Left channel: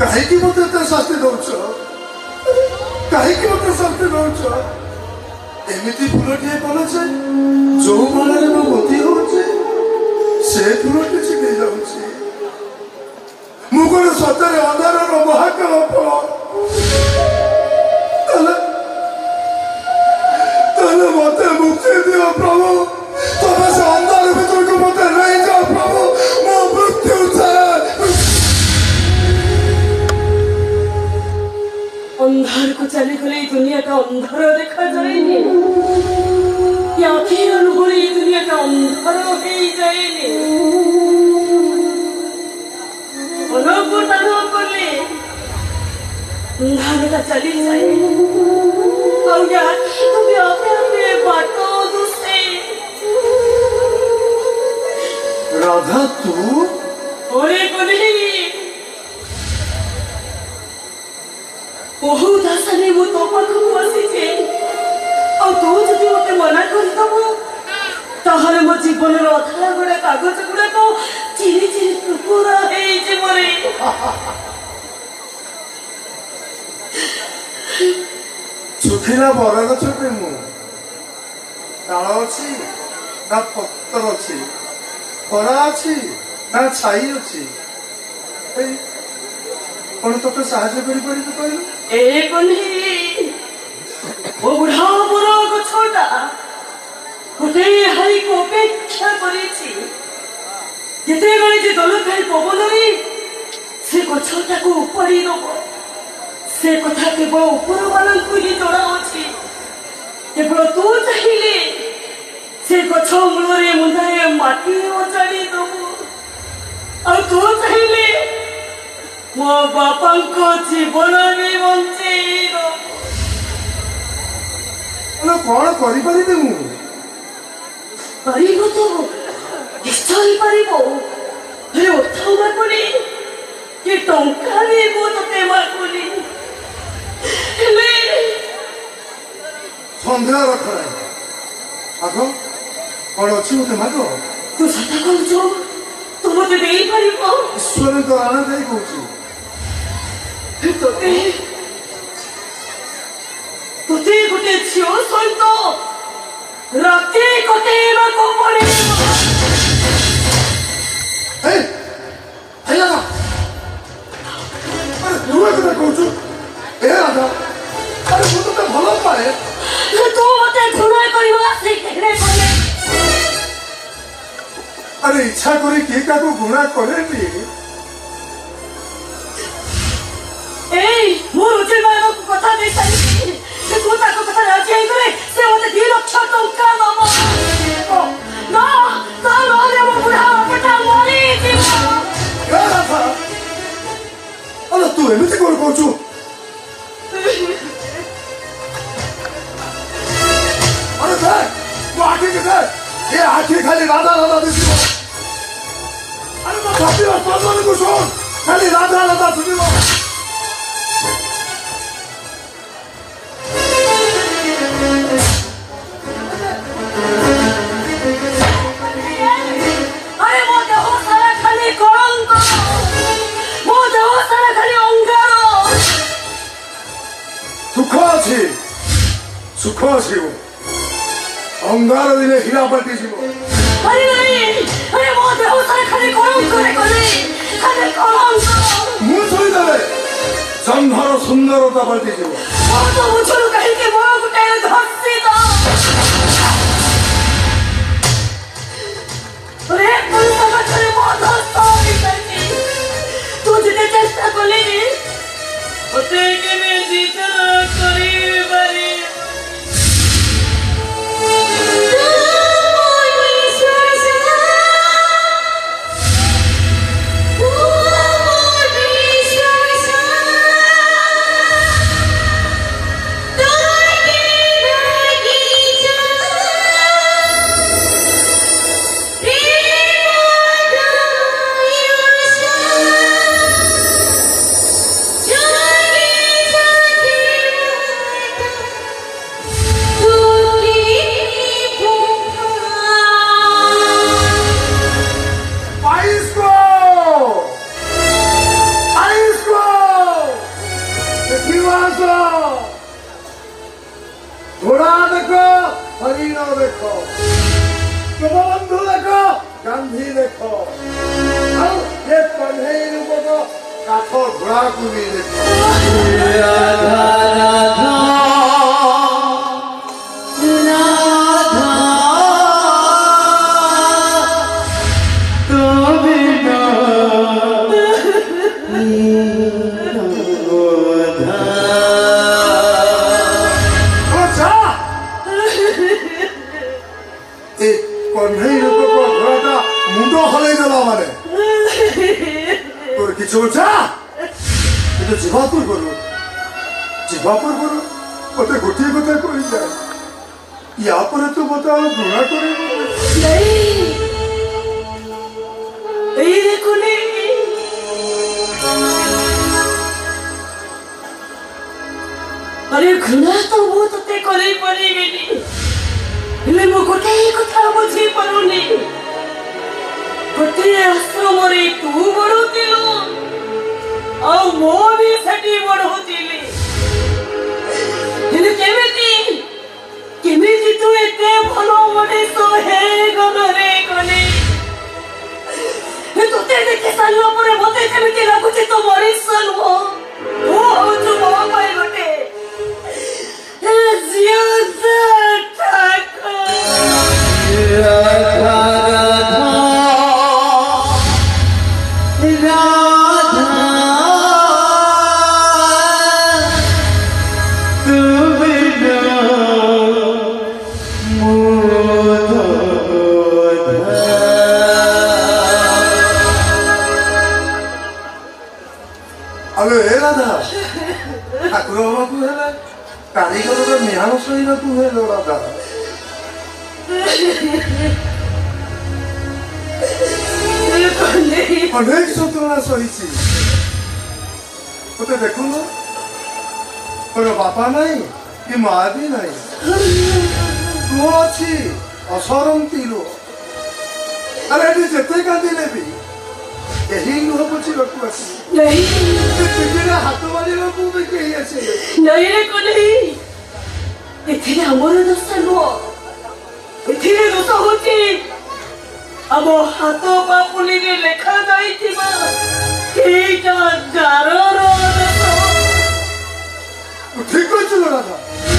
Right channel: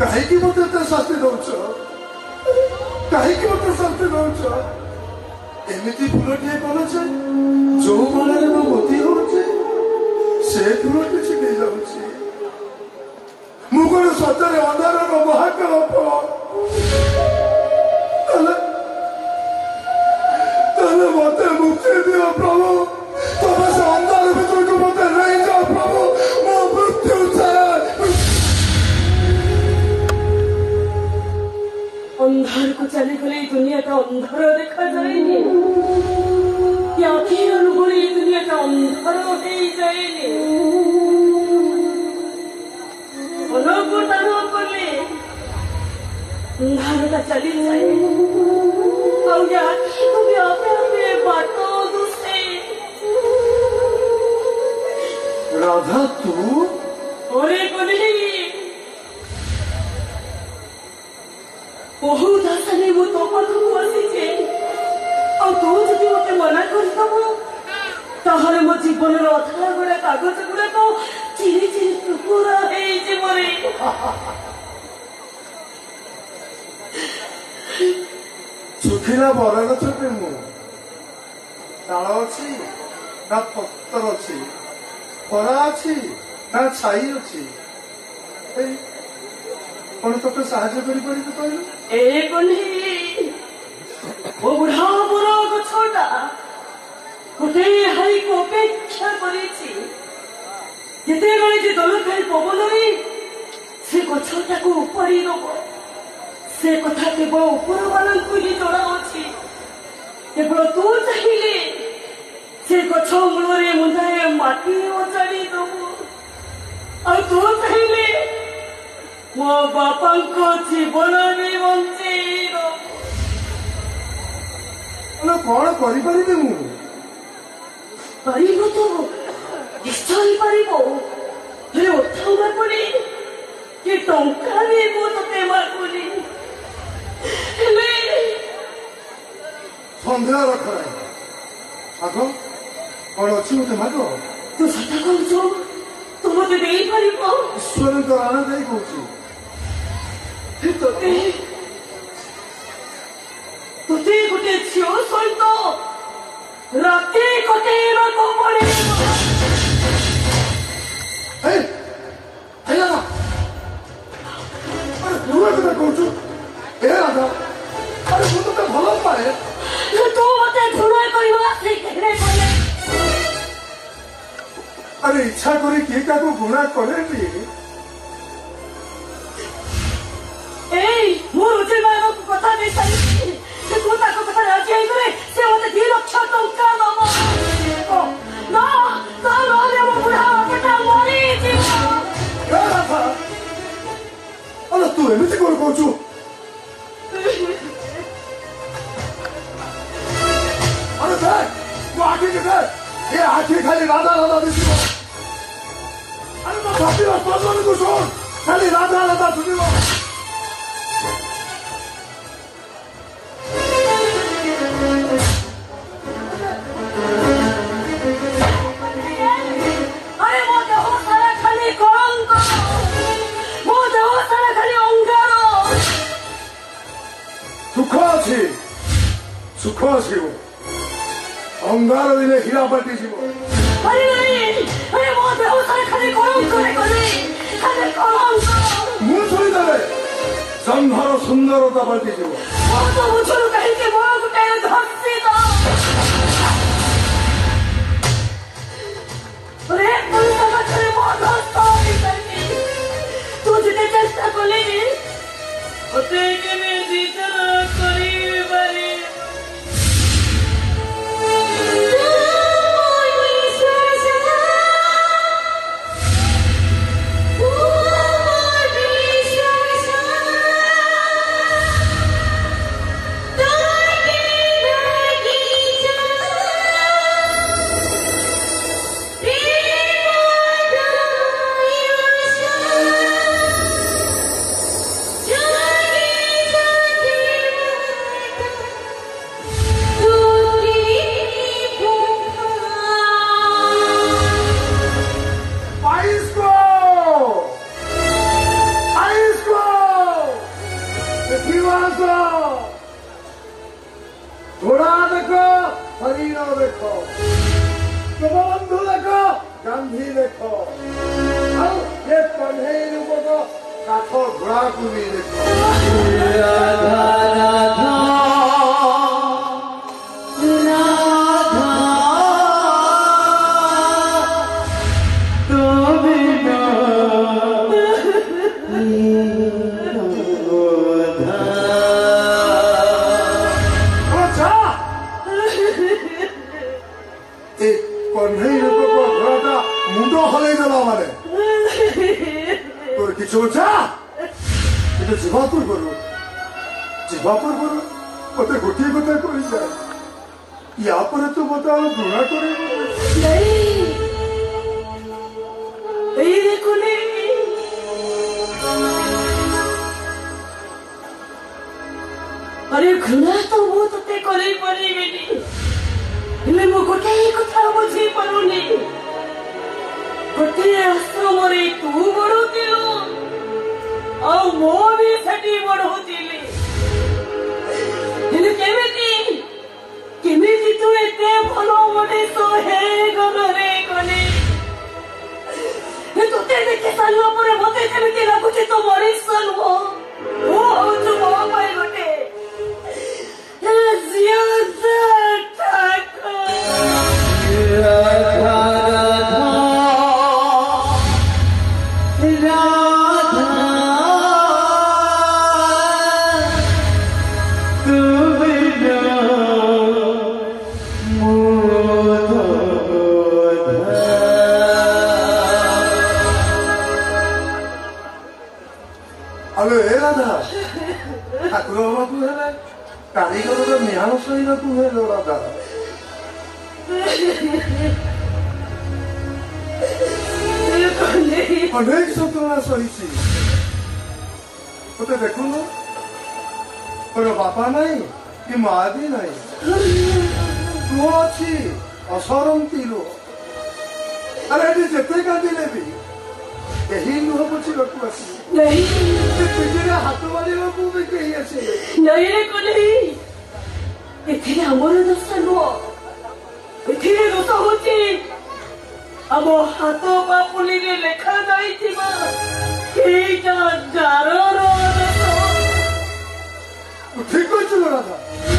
कहीं मत शास्ति दौच कहीं मत शास्ति दौच एमती फूलटे कल जो माल गति होचे से फूलटे छिड़ी जाऊँगी मुझे सतरे अंधार महाकल्प मत मुक्ति दियो प्रभु तुम से अंधार भर को मत नहीं जाओ प्रभु मो मृत्यु अंधार को चली गले दुनिया का अंधार देखा जाएनी या फिर अनुभवी दुनिया का अंधार हो जाएनी अंधार का चली जाए और आखिर को भी अपने बातों दूसरे राधा तू और एक नहीं बहुत आसानी वो तो पाखु बसीचे और तू जदि मते मना करदबो ताहले मो जीवन रो अधला गुडा कागज गुडा को चिरी चिरी पूरा हेई जे मरे सुखिला बर गछटे मु डाल अच्छी ना पत्तर अच्छी खरा अच्छी ना छाई अच्छी कौन तो साहाଯ୍य कहलु ए कोनी ओ बुढ़ा बुढ़ा गछटा गोटे हाई को अपेक्षा करिछि जेते गले जे दल खाई पवन रे से गछटा को उपरी दबो से कथा केवल ऊपर वालों को ही जोड़ा अच्छी केवल तू चाहिए से गछ मूल मुंडाए माटी ओजाड़ी दबु और तू चाहिए मो बापा को जीवन भी बंचे कौन करी मु पारिबो तो निश्चय पारिबो हे उठाऊ माकुनी कि टंका देबो तते माकुनी सन्देह रख आग कौन अच्छी मत माग तू सता कहु तू मत दे पारिबो ईश्वर तो आना दे कहूँ तोते गोटे झील सहित राति कटेबाक पड़े कहूँ ए राधा अरे मु तो भल पाए तू मत घृणा कर अरे इच्छा करी किए क्या घृणा करे कथा दे सारी कथा राजी करे से मत 2 लाख टंका दबो ना मो बुढ़ा बेटा मरी जीव अरे तू एमती कौन कहू अरे देख मो आखि के देख ये आखि खाली राधा राधा दिखो अरे मो भाभी पवन को सुन खाली राधा राधा सुनिबो अरे मो देह सारा खाली कलंक मो देह सारा खाली अंगार सुख अच्छी अंगार दिने हीरा पाटी अरे नहीं अरे मो देह सारा खाली कलंक मुझे संहार सुंदरता पाटी तो मुझे कहीं के वो गुटे धस्सी तो अरे कोई समझ में बहुत हंसता है तू जितने चेष्टा कर ले उतने के मैं जीतना करी बरी Johnny! ଜଗବନ୍ଧୁ ଦେଖ ଗାନ୍ଧୀ ଦେଖ ଆଉ ଏ କଣ୍ଢେଇ ରୂପକ କାଠ ଘୋଡ଼ାକୁ ବି ଦେଖ ରାଧା ରାଧା ରାଧା ତୋ ବିନା କଣ୍ଢେଇ ରୂପକ ଘୋଡ଼ାଟା ମୁଣ୍ଡ ହଲେଇ ଦେଲା ମାନେ ତୋର କିଛି ବୁଝା କିନ୍ତୁ ଯିବା ପୂର୍ବରୁ ମତେ ଗୋଟିଏ କଥା କହିଯାଏ ୟା ପରେ ତୁ ମତେ ଆଉ ଘୃଣା କରିବୁ अरे घृणा तो वो तोते करे पड़ेगी हेले मो गोटे कथा बुझी पारुनी गोटे आश्रम रे तू बड़ुतिलु आ मो भी सेठी बड़ुतिली हेले केमिति तू एते भलो मनीष हे गरे कने हे तोते देखे सालो परे मते केमिति लागुची तो मनीष नुहो ओ तू मो पाई गोटे ଆଲୋ ଏ ରାଧା ଠାକୁର ହବାକୁ ହେଲେ କାରିଗରର ମ୍ୟାନ ସହିବାକୁ ହେଲେ ରାଧା ଅନେକ ଯନ୍ତ୍ରଣା ସହିଛି ମତେ ଦେଖୁନ ତୋର ବାପା ନାହିଁ କି ମା ବି ନାହିଁ ଲୁହ ଅଛି ଅସରନ୍ତି ଲୁହ ଆରେ ଏଠି ଯେତେ କାନ୍ଦିଲେ ବି यही लुह पोछिବାକୁ ଆସିବେ नहीं ପିଠିରେ ହାତ ମାରିବାକୁ ବି କେହି ଆସିବେ नहीं रे कोली एथिरे हमर दोस्त नुह एथिरे दोस्त होची अब हाथ बापुली रे लेखा जाइथिबा केटा गारो रो दोस्त ठीक कहिछु राधा